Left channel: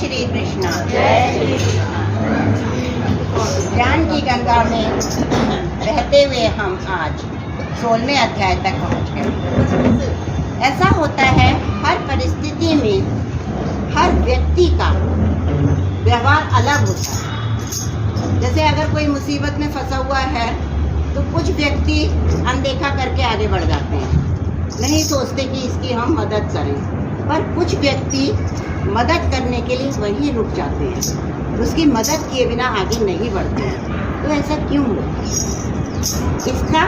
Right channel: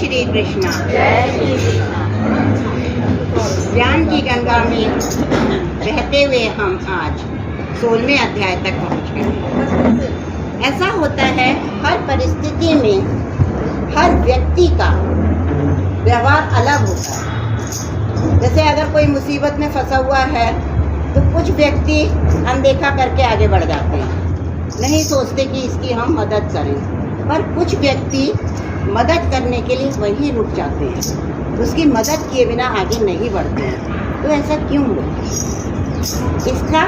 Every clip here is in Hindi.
श्री कृष्णा। जय श्री कृष्णा। ज्ञान की गंगा में बहते हुए हम आज 16वें अध्याय तक पहुँच गए। ऐसा होता है हर परिस्थिति में हर व्यक्ति का व्यवहार अलग होता है। जैसे अगर कोई मुसीबत में फंसा हुआ है तो कुछ व्यक्ति अनदेखा करके आगे बढ़ जाते हैं, नहीं सोचते कि इसकी हम मदद करें, पर कुछ व्यक्ति मदद करने के लिए वहीं रुक जाते हैं, उसकी मदद किए बिना आगे नहीं बढ़ते हैं। तो ऐसा क्यों हुआ? इसका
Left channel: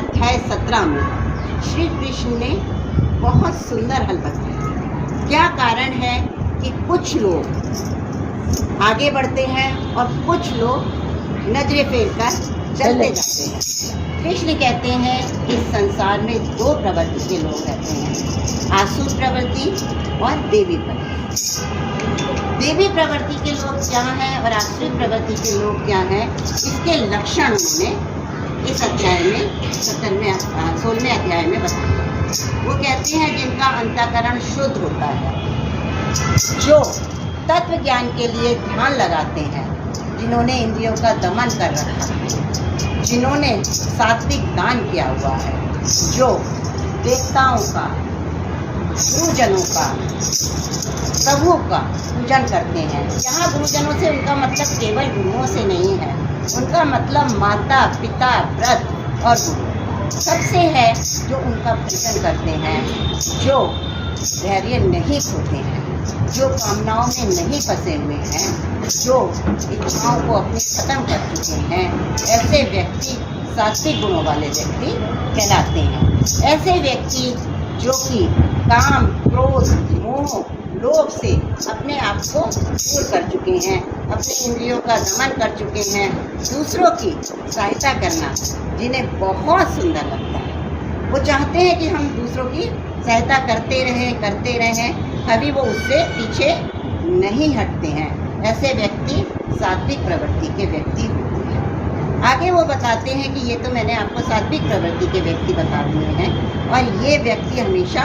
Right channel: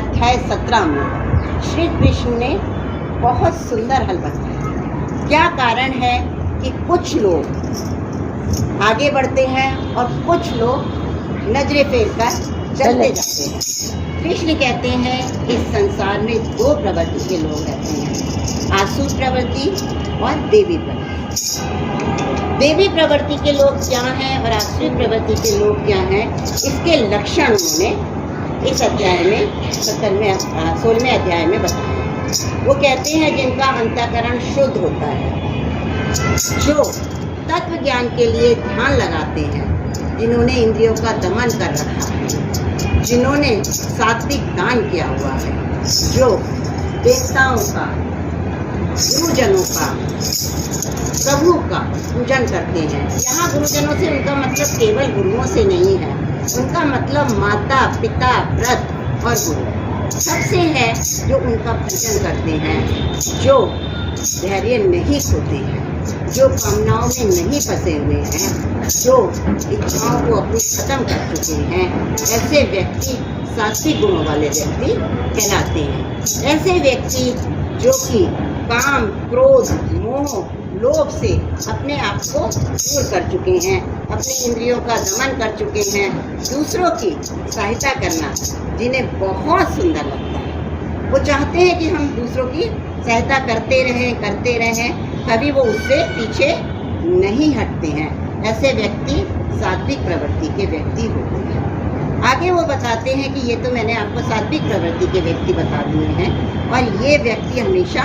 अध्याय 17 में श्री कृष्ण ने बहुत सुंदर हल बताया। क्या कारण है कि कुछ लोग आगे बढ़ते हैं और कुछ लोग नजरे फेर कर चलते जाते हैं। कृष्ण कहते हैं इस संसार में 2 प्रवृत्ति के लोग रहते हैं, आसुर प्रवृत्ति और देवी प्रवृत्ति। देवी प्रवृत्ति के लोग क्या हैं और आसुर प्रवृत्ति के लोग क्या हैं, इसके लक्षण उन्होंने इस अध्याय में 16वें अध्याय में बताया। वो कहते हैं जिनका अंतःकरण शुद्ध होता है, जो तत्व ज्ञान के लिए ध्यान लगाते हैं, जिन्होंने इंद्रियों का दमन कर रखा है, जिन्होंने सात्विक दान किया हुआ है, जो देवताओं का, गुरुजनों का, प्रभु का पूजन करते हैं। यहाँ गुरुजनों से उनका मतलब केवल गुरुओं से नहीं है, उनका मतलब माता पिता व्रत और गुरु सबसे है, जो उनका पूजन करते हैं, जो धैर्य नहीं खोते हैं, जो कामनाओं में नहीं फंसे हुए हैं, जो इच्छाओं को अपनी खत्म कर चुके हैं। ऐसे व्यक्ति सात्विक गुणों वाले व्यक्ति कहलाते हैं। ऐसे व्यक्ति जो कि काम, क्रोध, मोह, लोभ से अपने आप को दूर कर चुके हैं, अपने इंद्रियों का दमन कर चुके हैं, दूसरों की सहायता करना जिन्हें बहुत सुंदर लगता है। वो चाहते हैं कि हम दूसरों की सहायता करते रहें, कभी वो उससे पीछे नहीं हटते हैं। ऐसे व्यक्ति सात्विक प्रवृत्ति के व्यक्ति होते हैं। आगे वो बताते हैं कि ये तो मैंने आपको सात्विक प्रवृत्ति के व्यक्ति बता दिए हैं, और ये व्यक्ति हमेशा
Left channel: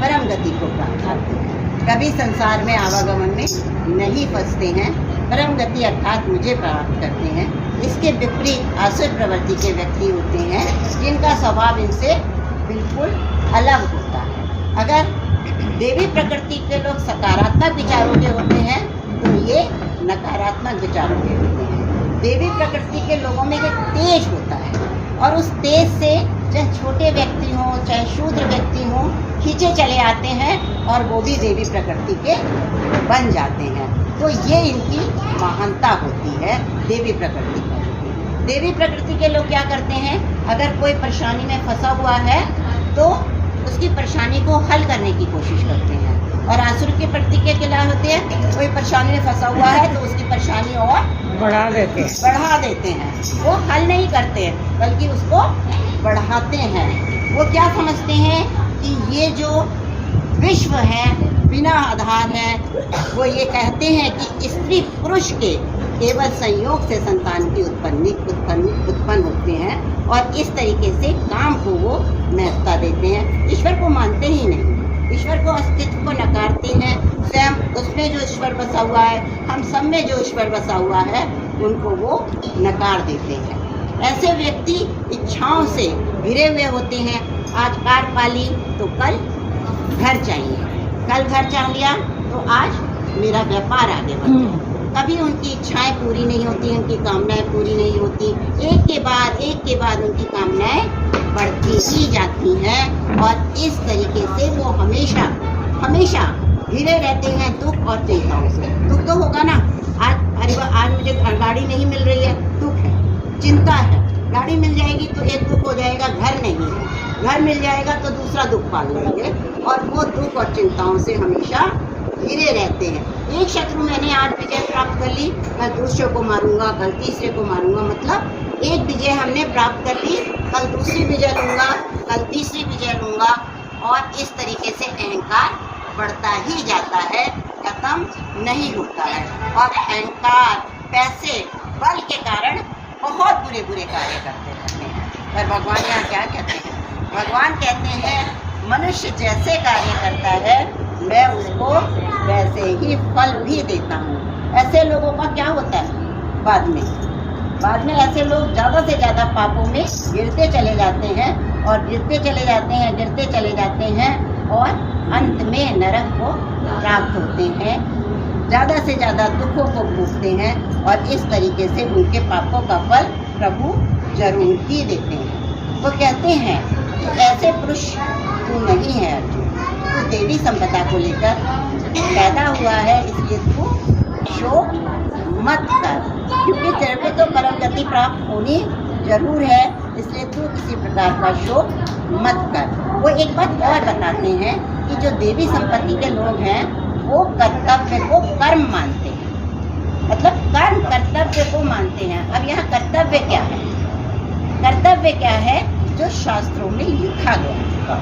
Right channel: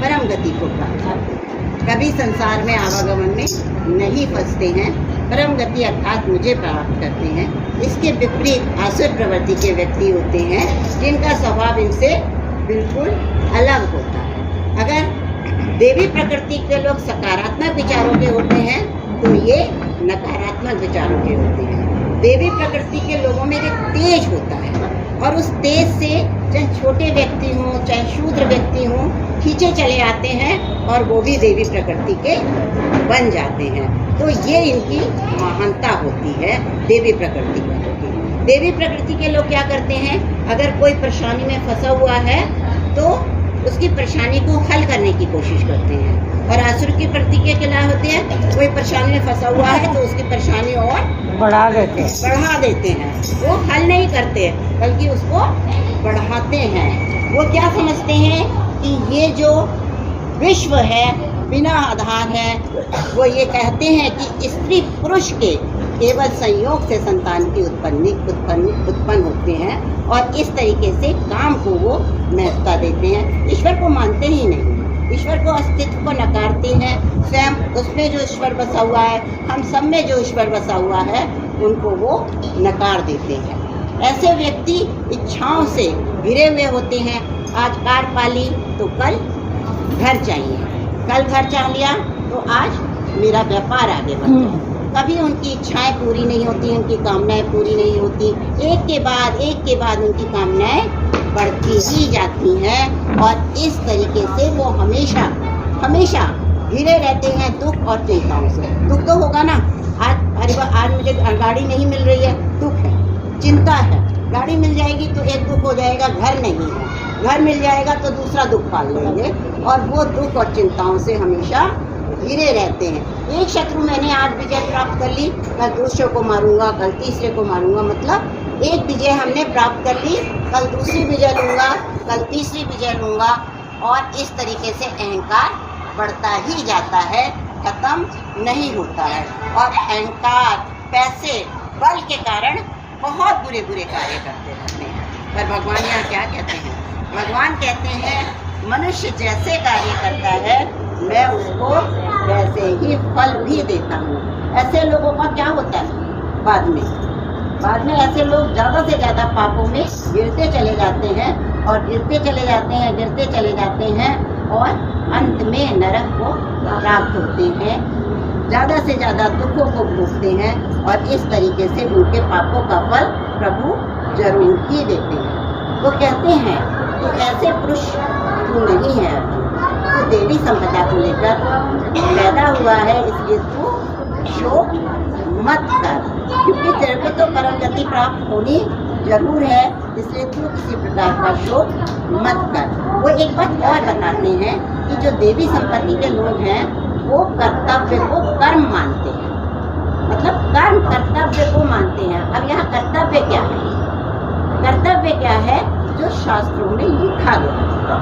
परम गति को प्राप्त करते हैं, कभी संसार में आवागमन में नहीं फंसते हैं, परम गति अर्थात मुझे प्राप्त करते हैं। इसके विपरीत आसुर प्रवृत्ति के व्यक्ति होते हैं, जिनका स्वभाव इनसे बिल्कुल अलग होता है। अगर देवी प्रकृति के लोग सकारात्मक विचारों के होते हैं तो ये नकारात्मक विचारों के होते हैं। देवी प्रकृति के लोगों में एक तेज होता है, और उस तेज से चाहे छोटे व्यक्ति हों चाहे शूद्र व्यक्ति हों, खींचे चले आते हैं और वो भी देवी प्रकृति के बन जाते हैं। तो ये इनकी महानता होती है देवी प्रकृति की। देवी प्रकृति के लोग क्या करते हैं, अगर कोई परेशानी में फंसा हुआ है तो उसकी परेशानी को हल करने की कोशिश करते हैं, और आसुर की प्रकृति क्या होती है, कोई परेशानी में फंसा हुआ है तो उसकी परेशानी और बढ़ा देते हैं। वो हल नहीं करते बल्कि उसको बढ़ाते हैं। वो क्या समझते हैं कि ये जो विश्व है बिना आधार है। वो ये कहते हैं कि स्त्री पुरुष के केवल संयोग से संतान की उत्पन्न होते हैं, और इस तरीके से काम को वो महत्ता देते हैं। ईश्वर को मानते ही नहीं, ईश्वर को अस्तित्व को नकारते हैं। स्वयं उसमें जो ईश्वर बसा हुआ है, हम सब में जो ईश्वर बसा हुआ है, उनको वो नकार देते हैं। ऐसे व्यक्ति इच्छाओं से घिरे हुए होते हैं। आज कार पाली तो कल घर चाहिए, कल घर चाह लिया तो आज मेरा व्यापार आगे बढ़ जाए। कभी उनकी इच्छाएं पूरी नहीं होती, उनकी कामनाएं पूरी नहीं होती, एक के बाद उनकी कामनाएं बढ़ती ही जाती हैं, और इस तरीके से वो हमेशा घिरे रहते हैं दुख और चिंताओं से। दुख तो होगा ना, आज मुझे गाड़ी नहीं मिल रही है, दुख है, चिंता है। गाड़ी मिल जाएगी तो एक दुख हो जाएगा, घर नहीं है, घर मिल जाएगा तो दूसरा दुख पाल लेंगे, और वो दुख और चिंताओं से हमेशा घिरे रहते हैं। एक शत्रु मैंने आज विजय प्राप्त कर ली, कल दूसरे को मारूंगा, कल तीसरे को मारूंगा। मतलब एक विजय हमने प्राप्त कर ली, कल दूसरी विजय लूंगा, कल तीसरी विजय लूंगा, और इस तरीके से अहंकार बढ़ता ही जाता है, खत्म नहीं होता है। और अहंकार, पैसे, बल के कारण बहुत बुरे कार्य करते रहते हैं। पर भगवान यहाँ क्या कहते हैं? भगवान कहते हैं मनुष्य जैसे कार्य करता है मैं उसको वैसे ही फल भी देता हूँ। ऐसे लोगों का क्या होता है, बाद में ऐसे लोग ज़्यादा से ज़्यादा पापों में गिरते चले जाते हैं और गिरते चले जाते हैं और अंत में नरक को प्राप्त होते हैं, ज़्यादा से ज़्यादा दुखों को भोगते हैं और इस तरीके से उनके पापों का फल प्रभु जरूर ही देते हैं। वो कहते हैं कि ऐसे पुरुष तू नहीं है अर्जुन, तू देवी संपदा को लेकर पैदा हुआ है, इसलिए तू शोक मत कर, क्योंकि तेरे को तो परम गति प्राप्त होनी जरूर है, इसलिए तू किसी प्रकार का शोक मत कर। वो एक बात और बताते हैं कि जो देवी संपत्ति के लोग हैं वो कर्तव्य को कर्म मानते हैं, मतलब कर्म कर्तव्य को मानते हैं। अब यहाँ कर्तव्य क्या है? कर्तव्य क्या है? जो शास्त्रों में लिखा गया है,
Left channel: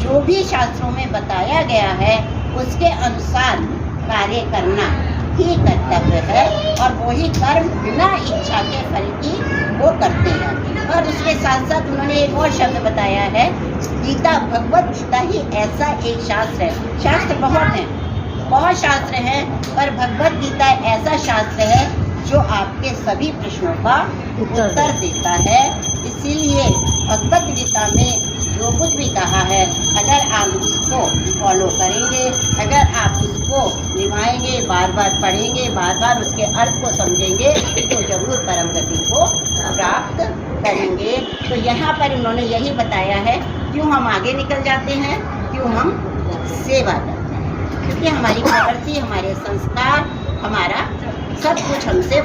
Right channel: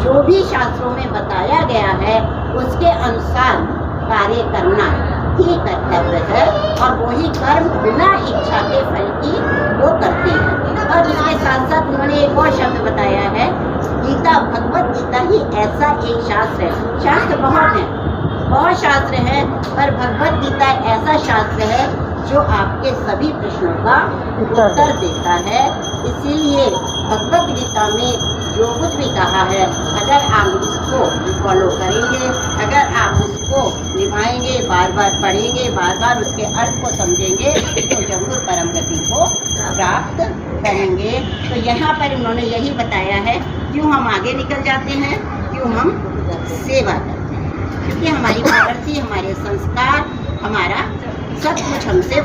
जो भी शास्त्रों में बताया गया है उसके अनुसार कार्य करना ही कर्तव्य है, और वही कर्म बिना इच्छा के फल की वो करते हैं। और इसके साथ साथ उन्होंने एक और शब्द बताया है, गीता, भगवत गीता ही ऐसा एक शास्त्र है। शास्त्र बहुत शास्त्र हैं, पर भगवत गीता ऐसा शास्त्र है जो आपके सभी प्रश्नों का उत्तर देता है। इसीलिए भगवत गीता में जो कुछ भी कहा है, अगर आप उसको फॉलो करेंगे, अगर आप उसको निभाएंगे, बार बार पढ़ेंगे, बार बार उसके अर्थ को समझेंगे, तो जरूर परम गति को प्राप्त करेंगे। तो यहाँ पर उन्होंने यही बताया है, क्यों हम आगे निकल जाते हैं, क्यों हम सेवा करते हैं, इसलिए हमारी प्रवृत्ति, हमारे संस्कार, हमारा सब कुछ हमसे